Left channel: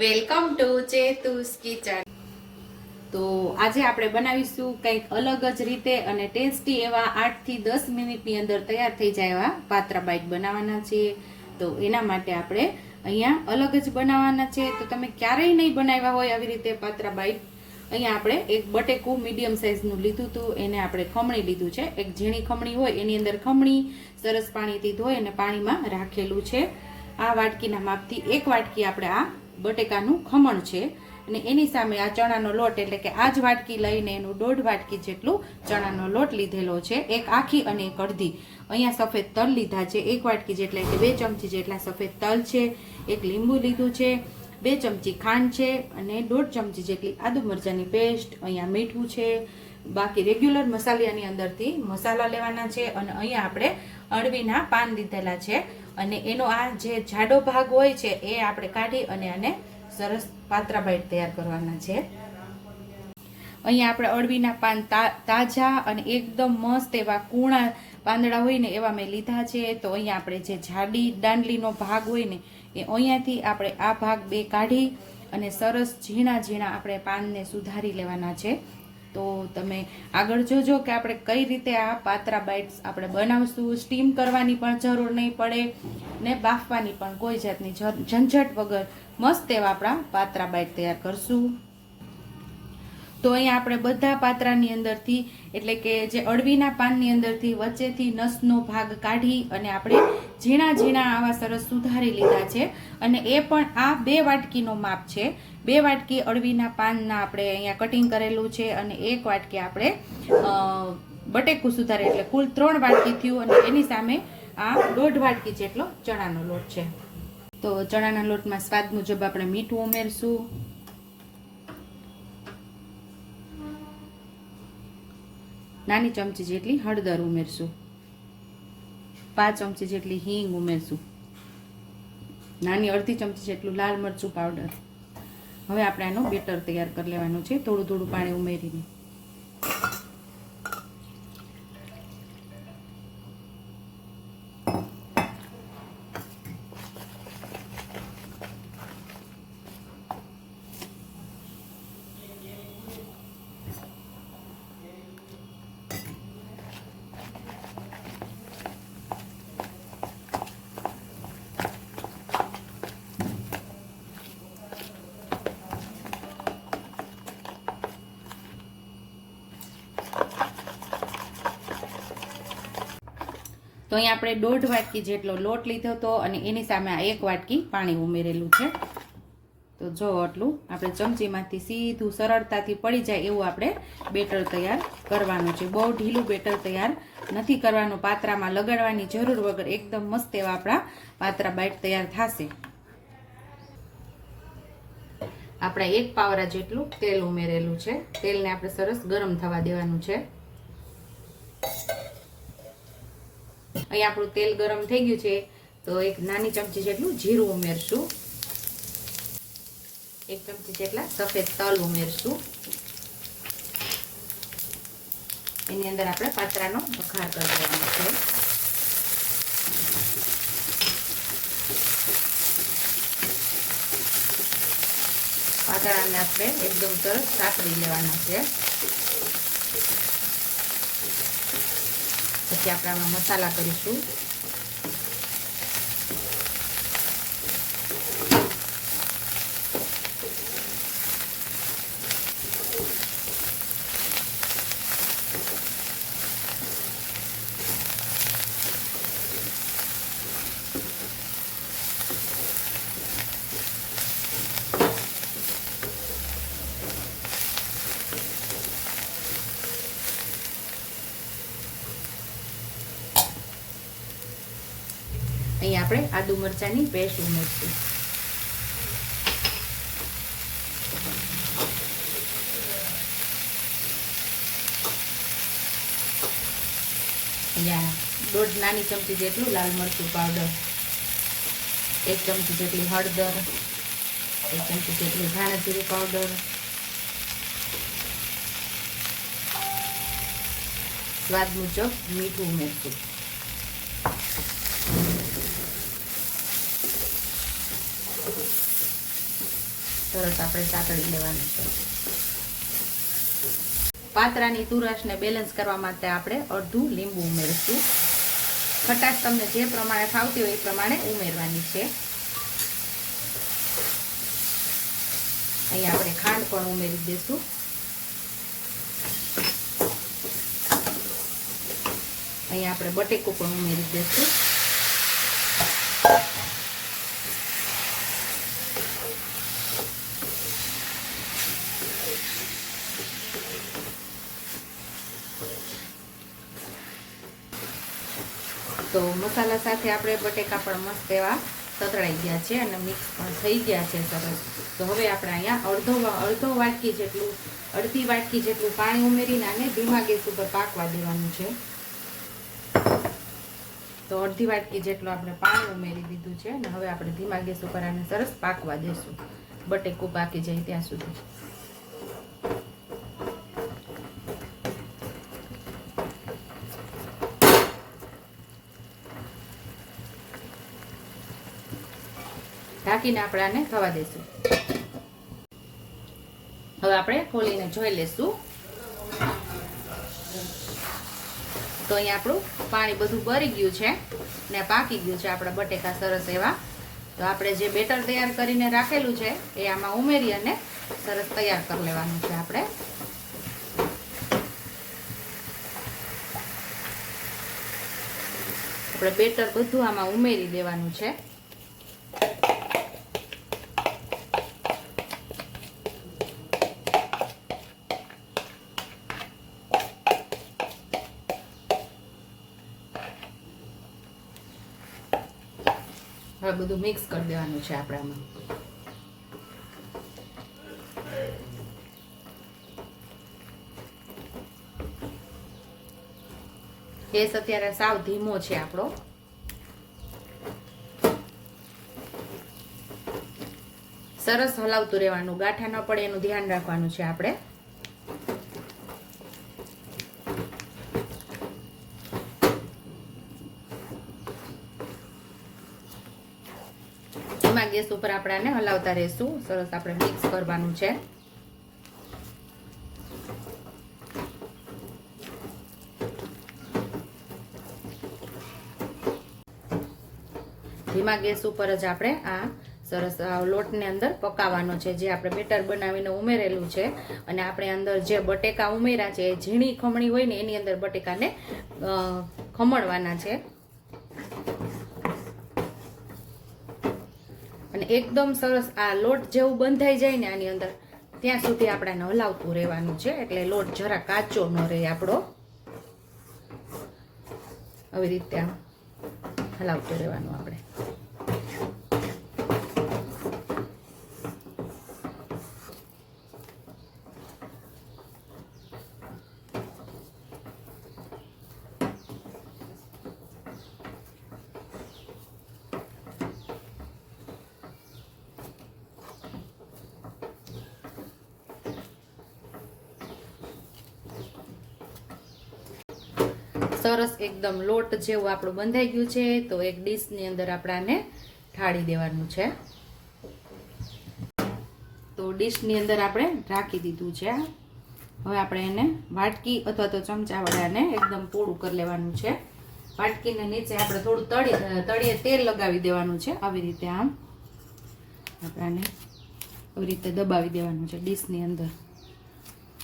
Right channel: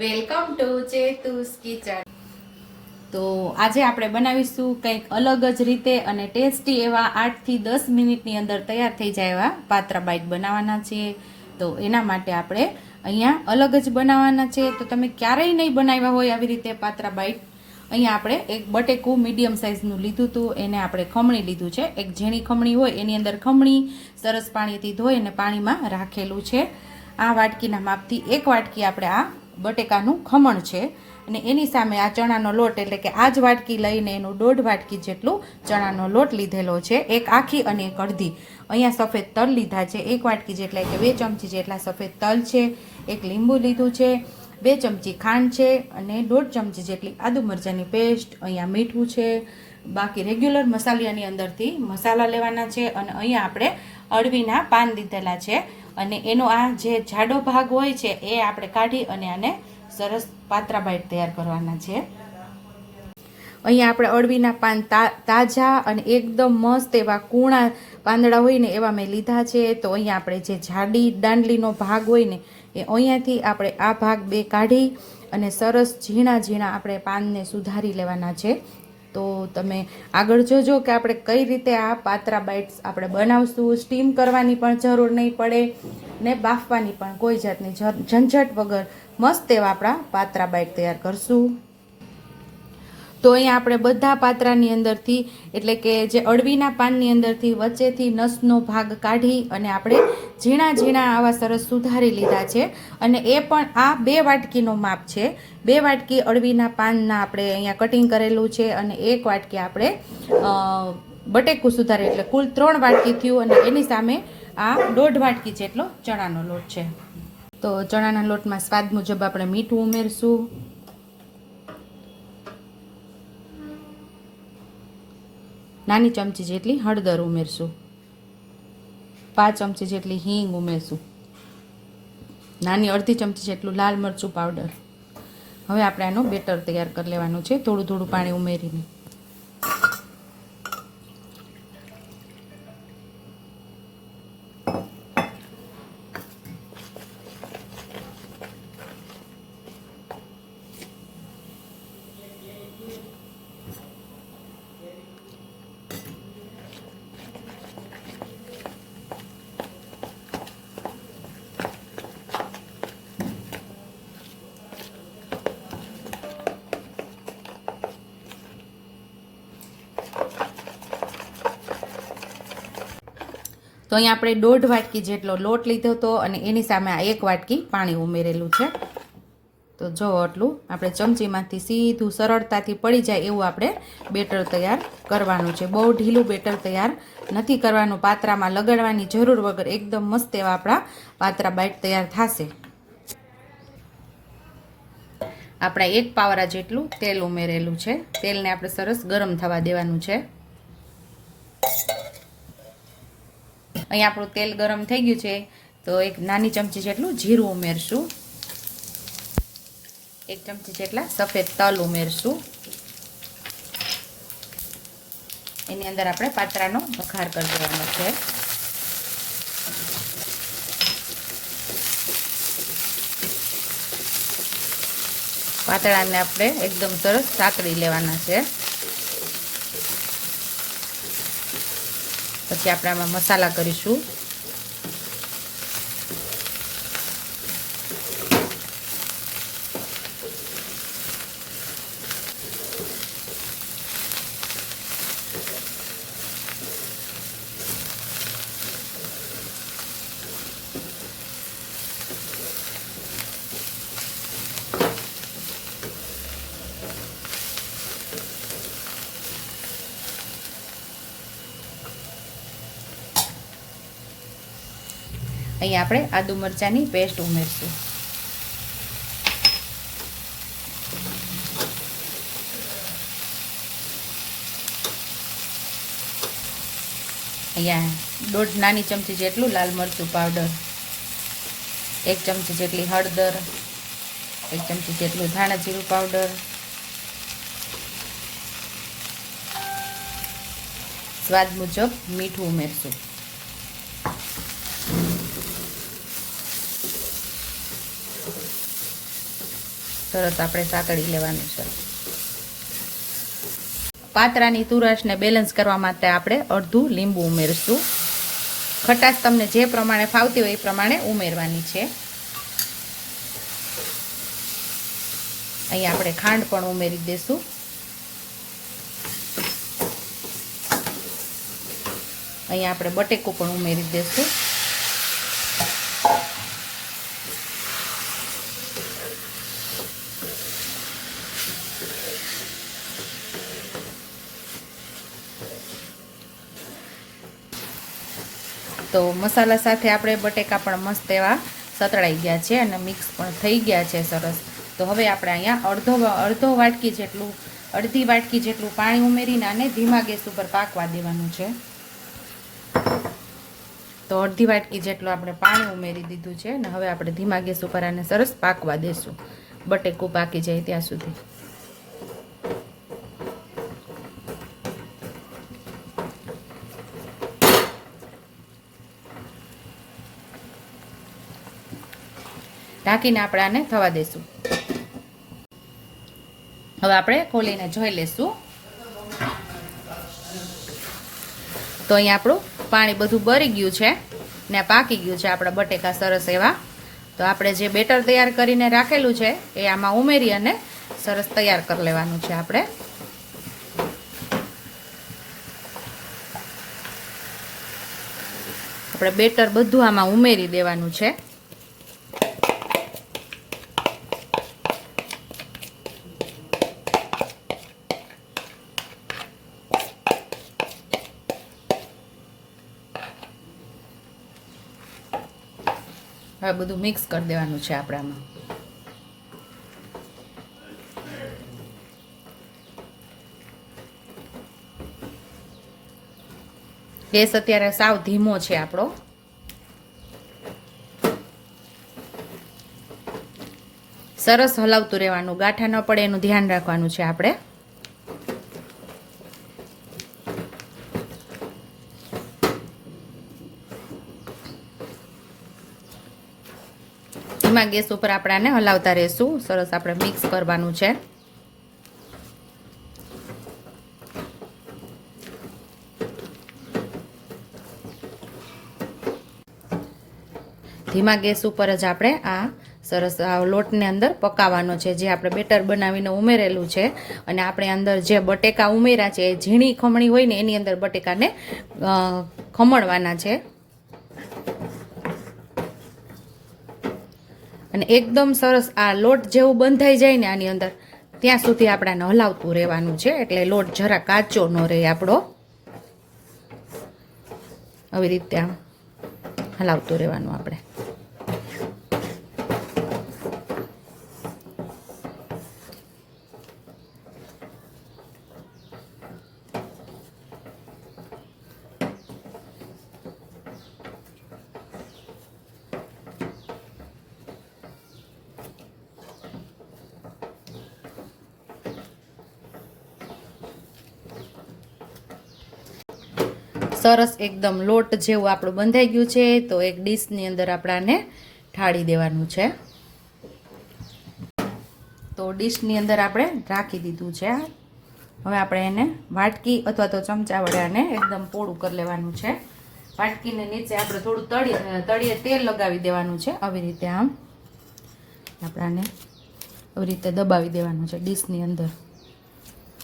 Welcome to ચેતુસ kitchen. તો આજે આપણે બનાવીશું કંઈક અલગ જ રીતે અને ટેસ્ટી એવા આઠથી દસ મિનિટની અંદર તૈયાર થઈ જાય એવા પાત્રા બાઈટ બનાવવાના છીએ તો એના માટે આપણે અહીંયા અલગ જ બનાવવાના છે. તો તમે ક્યારેય નહીં બનાવ્યા હોય આવી રીતે પાત્રા બાઈટ. અહીંયા આપણે એક બટેકું મીડિયમ સાઇઝનું લીધું હતું. એને આપણે ખમણી લીધું છે. એક ઝીણી ખમણી હોય એની અંદર ખમણી સરસ પાણીથી ધોઈ અને પાણીમાં રાખેલું છે. આ વાટકીના માપથી એક વાટકી આપણે આ બટેકાનું ખમણ છે. અને એની સામે આ ચણાનો લોટ એટલે કે આ જ વાટકી લઈને એનું દોઢ વાટકી જેટલું ચણાનો લોટ લીધેલો છે. એક આખી અને એક અડધી. અહીંયા સફેદ તલ લીધા છે. એક વાટકી જેટલા એટલે બે ચમચી જેટલા સફેદ તલ છે. એક લીંબુ લીધું છે. બે ચમચી ખાંડ છે. અને દોઢ ચમચી જેટલી આદુ મરચાંની પેસ્ટ અહીંયા મીઠું છે. બાકી રેગ્યુલર મસાલિયાની અંદરથી મસાલા લેવાના છે. અને અહીંયા આપણે અળવીના પાન દીધેલા છે. અને એનો આ જે જાડો ભાગ હોય છે, એ આપણે કાઢી અને આને સરસ પાત્રા બાઈટ તૈયાર કરવાના છે. અહીંયા આપણે અળવીના પાન તાજા અને એકદમ મસ્ત એવા કૂણા પાંદડા હોય ને એવા મેં લીધા છે. તો અહીંયા આપણે જે જાડી દાંડલીનો ભાગ હોય ને, એ અહીંયાથી આપણે આ ભાગ બે કાઢી અને સરસ ઝીણા ઝીણા આપણે પાનને સુધારી લેવાના છે. તો તમે આગળ જોજો કે આપણે કઈ રીતે આ પાત્રા બાઇટ્સ આપણે બનાવશું. સ્ટીમ કરવાની પણ જરૂર નહીં પડે ને બાફવાની પણ કોઈ જાતની ઝંઝટ વગર મસ્ત એવા આપણા પાત્રા બાઇટ તૈયાર કરશું. તો અહીંયા આપણે બધા પાત્રાની અંદરથી, એટલે કે જે અળવીના પાનની અંદરથી વચ્ચેથી નસનો ભાગ કાઢી અને આપણે ઝીણા ઝીણા આવા સરસ સુધારી લીધા છે. અને એ પણ આ બે વાટકીનો માપ છે. બે વાટકી અળવીના પાનના આપણે અહીંયા કટિંગ કરેલું છે અને એક વાટકી આપણે બટેકું સુધારે, એટલે કુલ ત્રણ વાટકી થયું અને એની સામે આ દોઢ વાટકી જેટલો ચણાનો લોટ છે. તો ચણાના લોટમાં સ્વાદ મુજબ આપણે મીઠું ઉમેરશું. નાની ચમચી જેટલી હળદર ઉમેરશું. પાંચ ચમચી જેટલી હિંગ ઉમેરશું. નાની અડધી ચમચી જેટલું લાલ મરચું પાવડર. હવે આપણે આનો બેટર તૈયાર કરી લેવાનું છે. થોડું થોડું પાણી ઉમેરીને. તો અહીં આપણે દોઢ વાટકી જેટલો લોટ લીધો હતો અને એની સામે આ એક વાટકી પાણી ઉમેરેલું છે. તો જો આટલું આપણે ચમચીમાંથી સીધું સરળતાથી પડી જાય એવું આપણે બેટર તૈયાર કરવાનું છે. બહુ ઢીલું બેટર તૈયાર નથી કરવાનું. પાત્રામાં લગાડવાની જરૂર વગર એકદમ મસ્ત એવા આપણા પાત્રા બાઈટ તૈયાર થશે. આપણે એક પાવરા જેટલું તેલ ઉમેરેલું છે. તેલને આપણે સરસ ગરમ થવા દેવાનું છે. અહીંયા આપણું તેલ ગરમ થઈ ગયું છે, તો એક નાની ચમચી જેટલું જીરું ઉમેરશું. એક ચમચી જેટલા સફેદ તલ ઉમેરશું. એની અંદર આપણે પાત્રાનો વઘાર કરી દેવાનો છે. પાતળાને આપણે એકદમ સરસ સાકરી લેવાના છે. પછી આપણે આમાં મસાલા કરીશું. અહીં આપણે આદુ મરચાંની પેસ્ટ ઉમેરશું. અહીંયા દોઢ નાની ચમચી જેટલું લાલ મરચું પાવડર એક ચમચી જેટલી હળદર, એક ચમચી જેટલું ધાણા જીરું પાવડર સ્વાદ મુજબ મીઠું ઉમેરશું. સરસ આપણે સાતળી લેવાનું છે. પાતરાની તુરસને બેલેન્સ કરવા માટે આપણે અડધું લીંબુ ઉમેરશું. ખટાશ તમને જે પ્રમાણે ફાવતી હોય એ પ્રમાણે ઉમેરવાની છે. અહીંયા આપણે ખાંડ પણ ઉમેરી દઈશું અહીંયા આપણે બટેકું પણ ઉમેરી દઈશું તો મસાલા સાથે આપણે બટેકા પણ મસ્ત એવા સતળાઈ ગયા છે અને મિક્સ પણ થઈ ગયા છે સરસ. તો હવે આપણે અહીંયા અડધો અડધો વાટકી જેટલું, અડધી વાટકી જેટલું પાણી ઉમેરીને આને ધીમા ગેસ ઉપર પાકવા દેવાનું છે. તો અડધી વાટકી જેટલું આપણે પાણી ઉમેરી દીધું છે અને હવે આપણે ધીમા ગેસ ઉપર આને સરસ પાકવા દેશું. બટેકું પાકી જાય ત્યાં સુધી. ઢાંકીને આપણે આને થવા દઈશું હવે આપણે ખોલીને જોઈ લેશું. તો અહીંયા આપણું પાણી બધું ભરી ગયું છે ને પાકી ગયું છે આપણા બટેકા સરસ એવા. તો આપણે જે બેટર તૈયાર કરીને રાખેલું છે એ આમાં ઉમેરી અને સરસ તૈયાર કરી લેવાનું છે આપણે. આપણે બેટર બધું આમાં ઉમેરી દેવાનું છે. હવે બધું મિક્સ કરી દેવાનું છે આપણે આમાં ગેસ અત્યારે સાવ ધીમો છે આપણો. સરસ હલાવતું રહેવાનું, ગાંઠા ન પડે એનું ધ્યાન રાખવાનું છે આપણે ધીમા ગેસ ઉપર આપણે આને હલાવતા રહેશું. સરસ આપણે મિક્સ કરવાનું છે. ધીમા ગેસ ઉપર જ આપણે આ સરસ લોટને અંદર પકાવવાનો છે. જે આપણે બેટર બનાવીને ઉમેરેલું છે. અને આપણે અંદર જે બટેકા ઉમેર્યા છે, એ ઝીણી ખમણી હોય ને, એની અંદર બટેકાને ખમણવાના છે. અને એકદમ સરસ આ લોટ જેવું બંધાઈ જાય ને આની અંદર, ત્યાં સુધી આપણાને હલાવતું રહેવાનું છે, એટલે લોટ જરા કાચો ન રહે આપણો. આવી રીતે હલાવતું રહેવાનું આપણે. સરસ એકદમ લોટ જેવું આપણું બંધાઈ ગયું છે, તો એક ડીશની અંદર આપણાને ઠાળી દેવાનું છે. તો ડીશની અંદર આપણે રાખી દીધું છે. હવે આપણે એને વાટકી અથવા તો ચમચા વડે આને એકદમ પોળું કરી લેવાનું છે. વાટકીને નીચે આપણે થોડું તળી, તળીએ તેલ લગાવી દેવાનું છે. આવી રીતે આમ આપણાને આવી રીતે દબાવી દેવાનું છે ડીશની અંદર.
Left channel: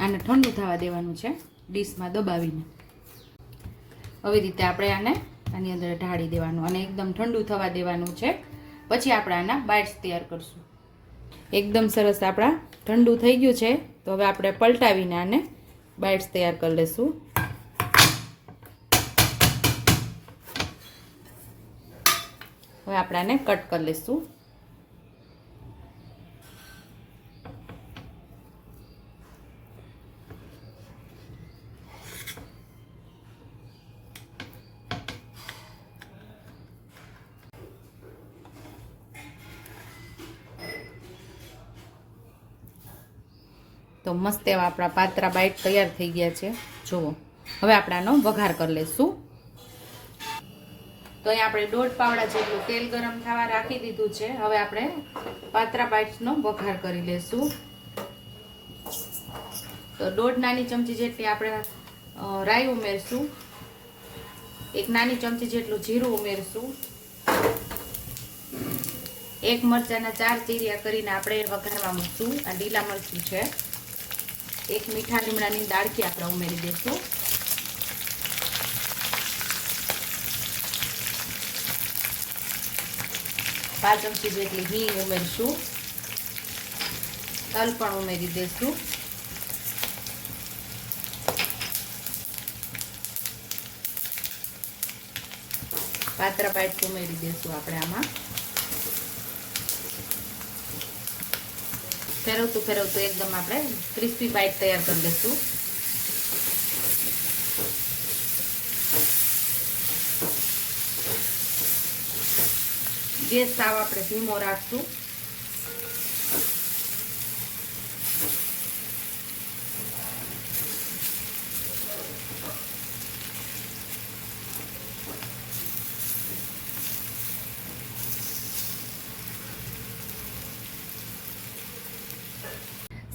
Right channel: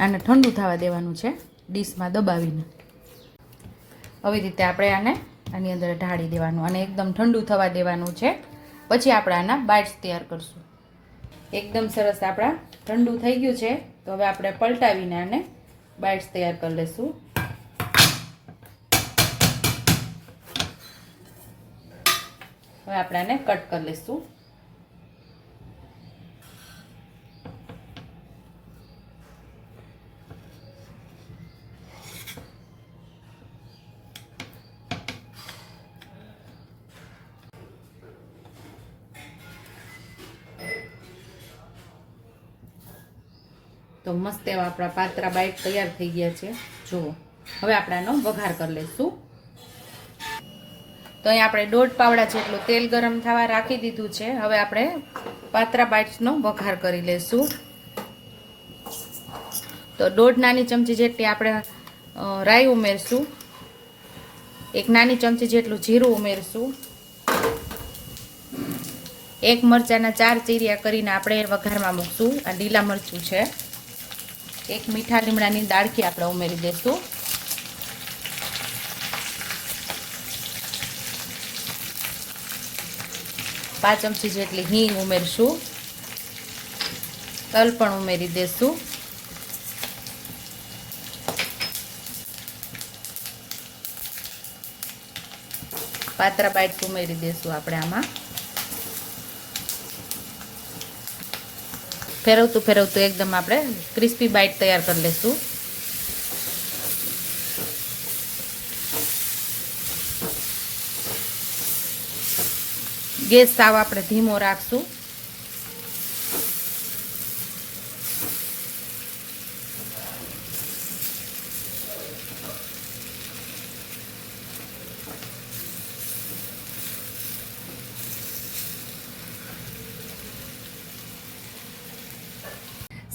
આને ઠંડુ થવા દેવાનું છે ડીશમાં દબાવીને. આવી રીતે આપણે આને આની અંદર ઢાળી દેવાનું અને એકદમ ઠંડુ થવા દેવાનું છે. પછી આપણે આના બાઇટ્સ તૈયાર કરશું. એકદમ સરસ આપણા ઠંડુ થઈ ગયું છે. તો હવે આપણે પલટાવીને આને બાઇટ્સ તૈયાર કરી લઈશું હવે આપણે આને કટ કરી લઈશું મસ્ત એવા આપણા પાત્રા બાઈટ તૈયાર થઈ ગયા છે. જુઓ. હવે આપણે આનો વઘાર કરી લઈશું. તો અહીંયા આપણે દોઢ પાવડા જેટલું તેલ ગરમ થવા રાખી દીધું છે. હવે આપણે પાત્રા બાઇટ્સનો વઘાર કરી લઈશું. તો દોઢ નાની ચમચી જેટલી આપણે રાઈ ઉમેરશું. એક નાની ચમચી જેટલું જીરું ઉમેરશું. એક મરચાના ચાર ચીરિયા કરીને આપણે વઘારમાં મૂકશું. આ લીલા મરચું છે. એક મીઠા લીમડાની દાળખી આપણે ઉમેરી દઈશું પાંચ ચમચી જેટલી હિંગ ઉમેરશું. તલ પણ ઉમેરી દઈશું પાત્રા બાઈટ ઉમેરી દઈશું આપણે આમાં. ફેરવતું ફેરવતું એકદમ આપણે ક્રિસ્પી બાઇટ તૈયાર કરી લઈશું ગેસ સાવ આપણે ધીમો રાખશું.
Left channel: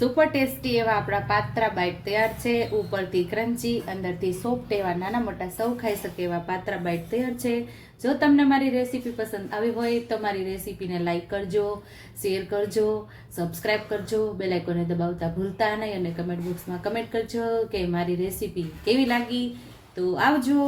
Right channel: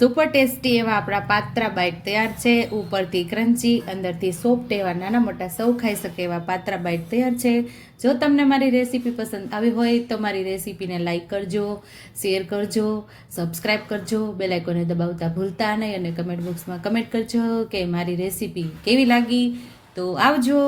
સુપર ટેસ્ટી એવા આપણા પાત્રા બાઇટ તૈયાર છે. ઉપરથી ક્રન્ચી અંદરથી સોફ્ટ એવા નાના મોટા સૌ ખાઈ શકે એવા પાત્રા બાઇટ તૈયાર છે. જો તમને મારી રેસીપી પસંદ આવી હોય તો મારી રેસીપીને લાઇક કરજો શેર કરજો સબસ્ક્રાઈબ કરજો બેલાઇકોને દબાવતા ભૂલતા નહીં અને કમેન્ટ બોક્સમાં કમેન્ટ કરજો કે મારી રેસીપી કેવી લાગી. તો આવજો.